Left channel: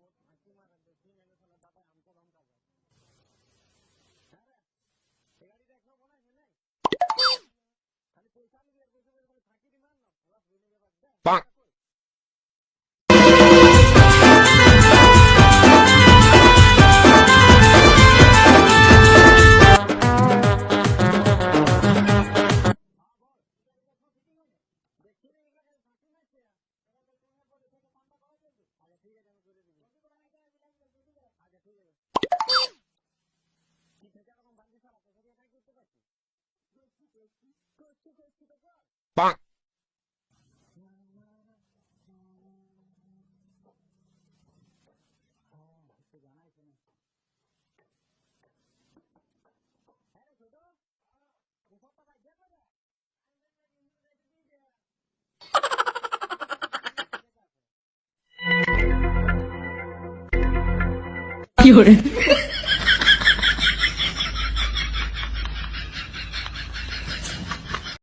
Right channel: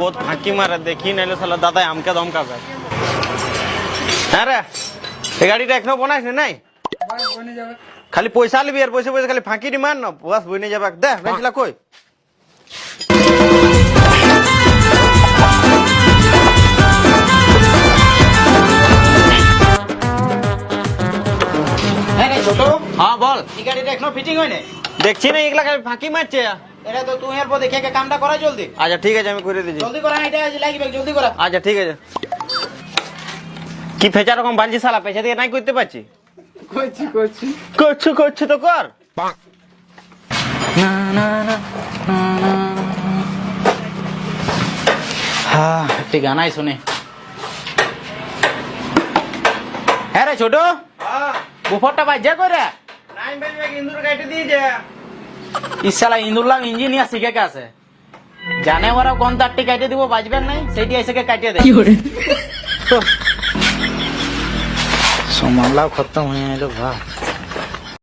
বহুত ফাঁকি মারে, দেখি নাইলে শালা দাদাই আমকে দমকাবে। হ্যাঁ রে, এই গাড়িটা এখনো বানাইস নাই? খালি পয়সা লিবি আর পয়সা পয়সা খালি ফাঁকি দি মার না, বাস বইনে যাবে। দে বেচলা কই? হ্যাঁ বল। এই গাড়িটা এখনো ফিটিং হয় নাই? দেখছি না, এগুলা খালি ফাঁকি মারছে। এটা তো তুই এর পর দেখে কামটা করা জলদি। আচ্ছা ঠিক আছে, আমি করে দিচ্ছি। জলদি করা, এটা লাগবে, জলদি করা। আচ্ছা ঠিক আছে। কি ফেচা রকম বালছি শালা, পেছা দিয়ে নাই করতে পারছি। করছি তো কর। হ্যাঁ, একটি গানাই শুনে। হ্যাঁ রে ছোট, বুফরটা বাজে করে। নাই বেজবে, ইন্দুর কাটে দিয়েছে। ইসালা ইন্দুরলাম ইঞ্জিনিয়ার শিখে কে আছে, জানে ওরা কোন তারটি কাটে দিব বাজবেন নাই, সেইটি এসে কাটিয়ে দেয়। সমানলাও খতম হয়ে গেল ভাই।